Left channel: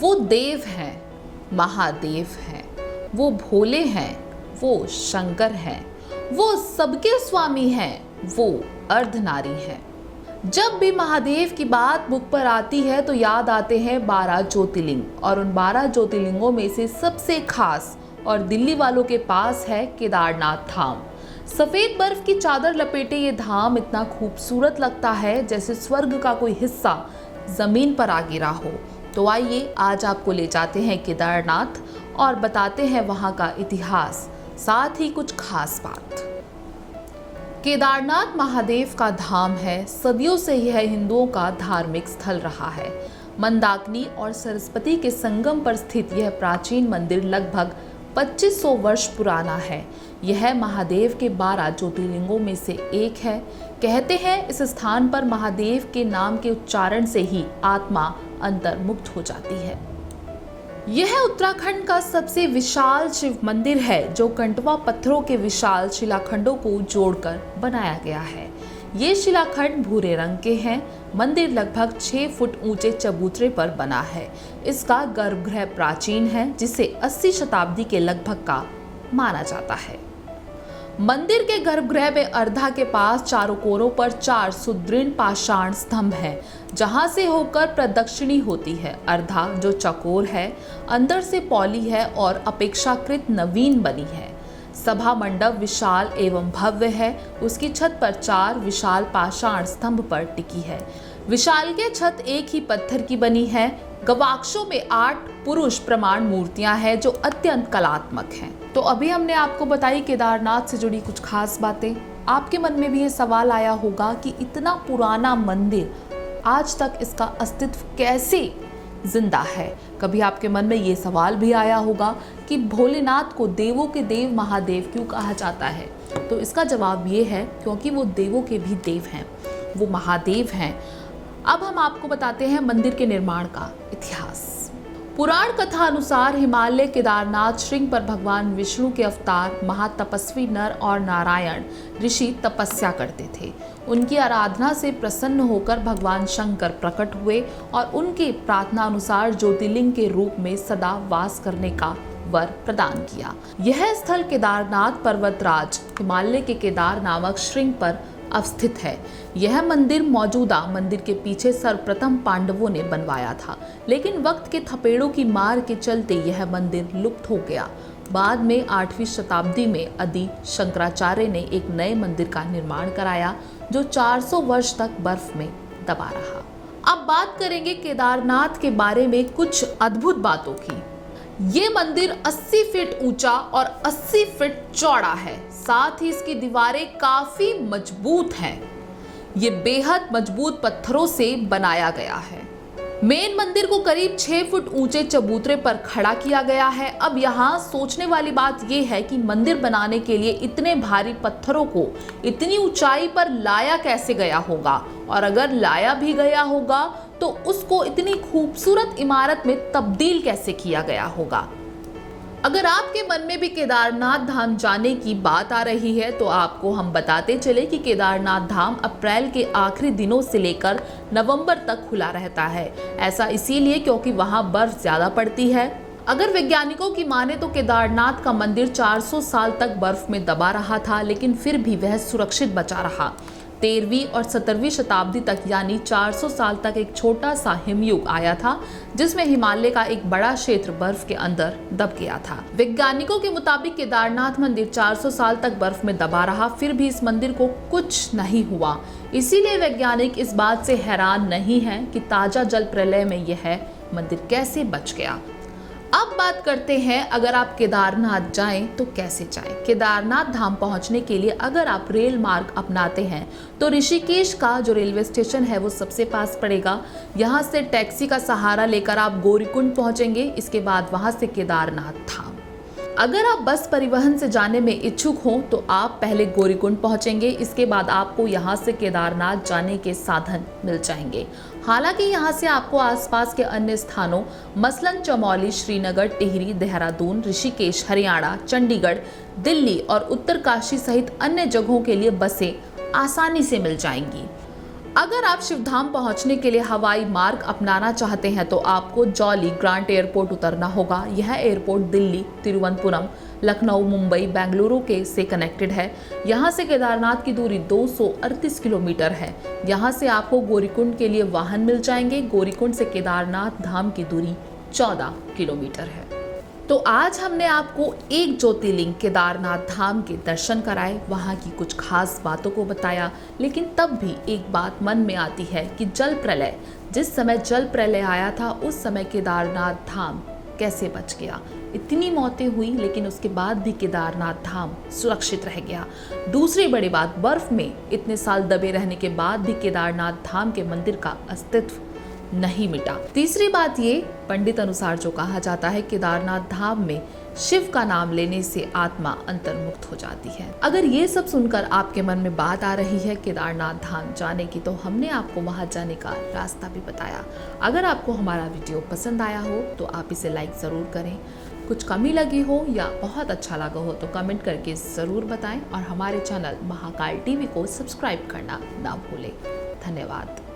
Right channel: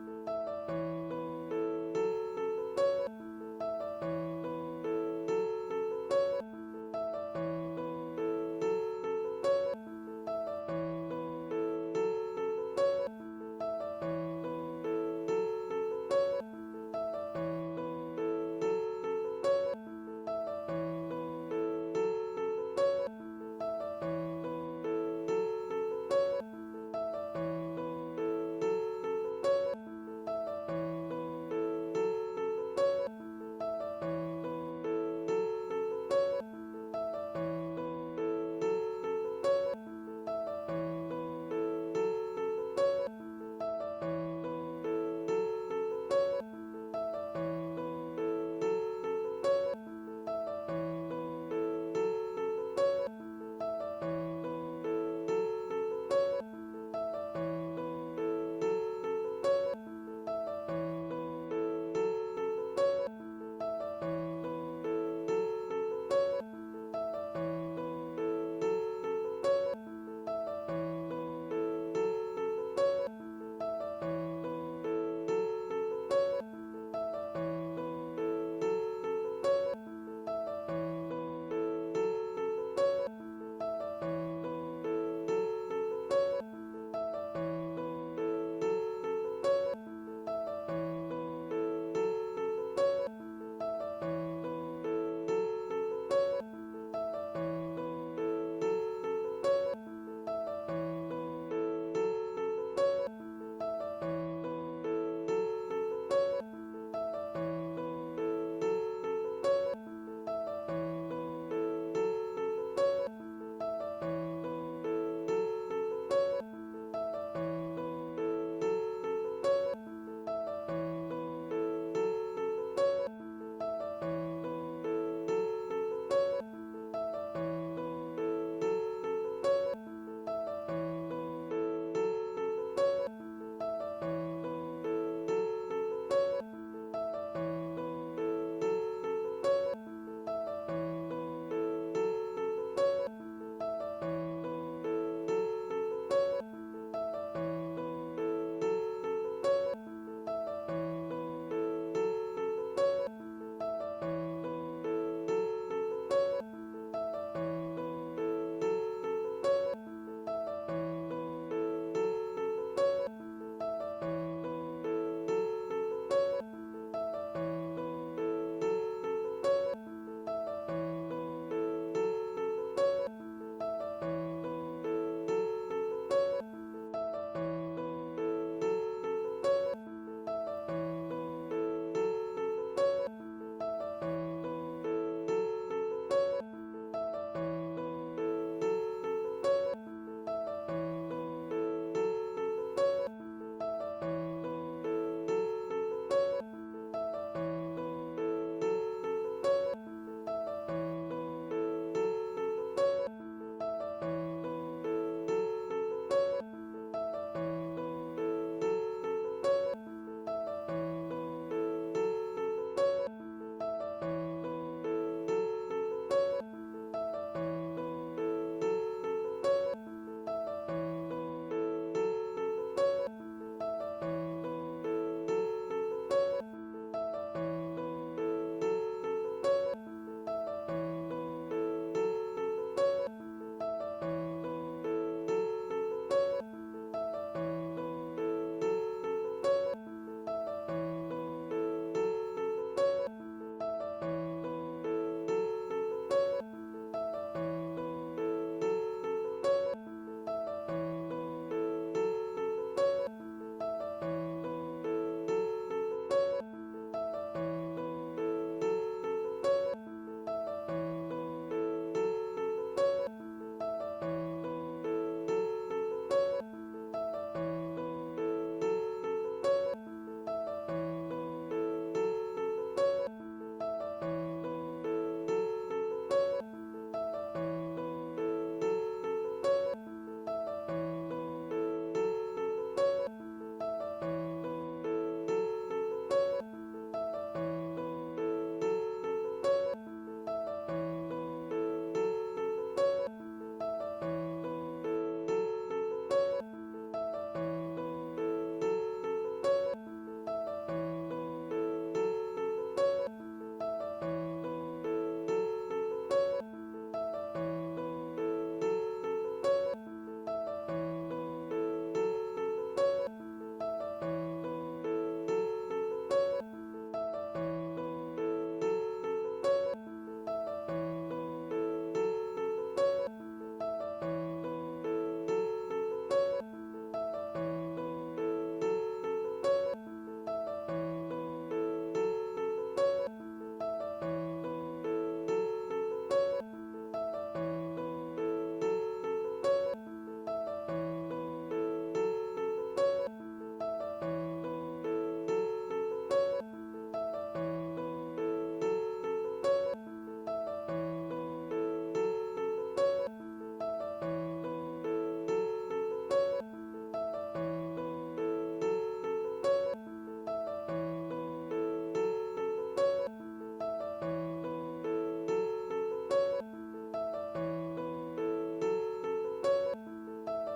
वो देव हैं, महादेव हैं, वो भोले हैं, वो शंकर हैं, वो सबके स्वामी हैं, वो अर्धनारी हैं। जब भी महादेव की बात मुख पर आती है तो याद आते हैं 12 ज्योतिर्लिंग, और उन 12 ज्योतिर्लिंगों में से सबसे खास और दिल्ली वालों के पास है केदारनाथ धाम। सफेद बर्फ की चादर लपेटे ये धाम इतना खूबसूरत लगता है जैसे स्वर्ग का कोई हिस्सा जमीन पर आ गिरा हो। तो आइए आज आपको ले जाते हैं केदारनाथ और बताते हैं वहां का इतिहास, साथ ही कुछ खास बात। केदारनाथ महादेव का धाम है। सदियों से यह हिंदुओं का धार्मिक स्थल रहा है। मंदाकिनी और सरस्वती के संगम पर स्थित यह प्राचीन मंदिर लगभग 2500 वर्ष पुराना है। यह महादेव के 12 ज्योतिर्लिंगों में से एक है। कहते हैं इस स्थान पर महादेव के नाम के उच्चारण से ही आत्मा अंतर्मुक्त हो जाती है। यह उत्तराखंड का सबसे विशाल शिव मंदिर है जो कंटवा पत्थरों के विशाल शिलाखंडों को जोड़कर बनाया गया है। ये शिलाखंड भूरे रंग के हैं। मंदिर लगभग 6 फुट ऊंचे चबूतरे पर बना है। इसका गर्भगृह प्राचीन है जिसे 80 शताब्दी के लगभग का माना जाता है। मंदिर के गर्भगृह में अर्धा के पास चारों कोरों पर 4 सुदृढ़ पाषाण स्तंभ हैं, जहां से होकर प्रदक्षिणी होती है। अर्धा जो चकोर है, अंदर से पौली है और अपेक्षाकृत नवीन बनी है। सभा मंडप विशाल एवं भव्य है। उसकी छत पर 4 विशाल पाषाण स्तंभ पर टिकी है। विशाल के छत एक ही पत्थर की बनी है। गवाक्षों में 8 पुरुष प्रमाण मूर्तियां हैं जो अत्यंत कलात्मक हैं। तो अभी हमने आपको बताई केदारनाथ से जुड़ी कुछ खास बातें। आपके मन में भी ये सवाल आया होगा कि इतना पुराना मंदिर आज तक इसका अस्तित्व कैसे जिंदा है। कभी आपके मन में ये सवाल भी आया होगा कि भोलेनाथ को देवों के देव महादेव क्यों कहा जाता है। तो इसका जवाब ये है क्योंकि वो देवों के भी देव हैं, वो महादेव हैं। अब हम आपको बताते हैं मंदिर के निर्माण का इतिहास। पुराण कथा अनुसार हिमालय केदारनाथ श्रृंग पर भगवान विष्णु के अवतार महातपस्वी नर और नारायण ऋषि तपस्या करते थे। उनकी आराधना से प्रसन्न होकर भगवान शंकर प्रकट हुए और उनके प्रार्थना अनुसार ज्योतिर्लिंग के रूप में सदा वास करने का वर प्रदान किया। यह स्थल केदारनाथ पर्वतराज हिमालय के केदार नामक श्रृंग पर अवस्थित है। यह मंदिर मौजूदा मंदिर के पीछे सर्वप्रथम पांडवों ने बनवाया था, लेकिन वक्त के थपेड़ों की मार के चलते यह मंदिर लुप्त हो गया। बाद में 8वीं शताब्दी में आदि शंकराचार्य ने एक नए मंदिर का निर्माण कराया जो 400 वर्ष तक बर्फ में दबा रहा। अब बात करेंगे केदारनाथ के बारे में कुछ अद्भुत बातों की। ये मंदिर 80 फीट ऊंचा और 80 फीट चौड़ा है। साथ ही इसकी दीवारें काफी मजबूत हैं। ये बेहद मजबूत पत्थरों से बनाया गया है। मेन मंदिर को करीब 6 फुट ऊंचे चबूतरे पर खड़ा किया गया है। अब यहाँ सोचने वाली बात यह है कि मंदिर बनाने के लिए इतने भारी पत्थरों को इतनी ऊंचाई पर लाया कैसे गया होगा, और अगर लाया भी गया होगा तो उसको इतनी खूबसूरत इमारत में तब्दील कैसे किया गया होगा। अगर आपके मन में भी केदारनाथ धाम जाने की बात आ रही है तो आपको हम बताते चले कि केदारनाथ धाम अप्रैल के आखिरी दिनों से लेकर नवंबर तक खुला रहता है। ऐसा इसीलिए क्योंकि वहां बर्फ ज्यादा पड़ती है। अगर वैज्ञानिकों की माने तो केदारनाथ का मंदिर 400 साल तक बर्फ में दबा रहा था, लेकिन फिर भी वह सुरक्षित बचा रहा। 13वीं और 17वीं शताब्दी तक यानी 400 साल तक एक छोटा सा हिमयुग आया था जिसमें हिमालय का एक बड़ा क्षेत्र बर्फ के अंदर दब गया था। वैज्ञानिकों के मुताबिक केदारनाथ मंदिर 400 साल तक बर्फ में दबा रहा, फिर भी इस मंदिर को कुछ नहीं हुआ। इसीलिए वैज्ञानिक इस बात से हैरान नहीं है कि ताजा जल प्रलय में यह मंदिर कैसे बच गया। अब बात करते हैं अगर आप केदारनाथ जाएं तो कैसे जाएं। केदारनाथ धाम पहुंचने के लिए अगर आप रेल मार्ग अपनाते हैं तो ऋषिकेश का जो रेलवे स्टेशन है वो सबसे पास पड़ेगा। यहाँ से टैक्सी का सहारा लेकर आप गौरीकुंड पहुंचेंगे। इसके बाद वहां से केदारनाथ धाम। अगर आप बस परिवहन से जाने में इच्छुक हो तो आप पहले गौरीकुंड पहुंचेंगे। इसके बाद आपको यहां से केदारनाथ जाने के साधन मिल जाएंगे। हालांकि यहां से आपको आसपास के अन्य स्थानों मसलन चमोली, श्रीनगर, टिहरी, देहरादून, ऋषिकेश, हरियाणा, चंडीगढ़, दिल्ली और उत्तरकाशी सहित अन्य जगहों के लिए बसें आसानी से मिल जाएंगी। अगर आप शिवधाम पहुंचने के लिए हवाई मार्ग अपनाना चाहते हैं तो आपको जॉली ग्रांट एयरपोर्ट उतरना होगा। यह एयरपोर्ट दिल्ली, तिरुवनंतपुरम, लखनऊ, मुंबई, बेंगलुरु के से कनेक्टेड है। यहाँ से केदारनाथ की दूरी 238 किलोमीटर है। यहाँ से आपको गौरीकुंड के लिए वाहन मिल जाएंगे। गौरीकुंड से केदारनाथ धाम की दूरी 14 किलोमीटर है। तो आज हमने आपको एक ज्योतिर्लिंग केदारनाथ धाम के दर्शन कराए, वहाँ की कुछ खास बातों को बताया। लेकिन तब भी एक बात मन में आती है कि जिस समय जल प्रलय आया था उस समय केदारनाथ धाम कैसे बच गया। इतनी मौतें हुई लेकिन उसके बाद भी केदारनाथ धाम सुरक्षित रह गया। दूसरी बड़ी बात, बर्फ में इतने साल दबे रहने के बाद भी केदारनाथ धाम के मंदिर का अस्तित्व नहीं मिटा। तीसरी बात ये, पंडित अनुसार जो कहा जाता है, केदारनाथ धाम में शिव का नाम लेने से आत्मा अंतर्मुक्त हो जाती है। अगर ये सब सुनकर आपके मन में बात आ रही है केदारनाथ धाम जाने की, तो हमने आपको वहां जाने का रास्ता भी बताया। अगर आपको हमारा वीडियो पसंद आया हो तो आप इसे लाइक जरूर करें। कुछ कमी लगी हो या बहुत अच्छा लगा हो तो कमेंट करके जरूर बताएं और हमारे चैनल महाकाल टीवी को सब्सक्राइब करना ना भूलें। धन्यवाद।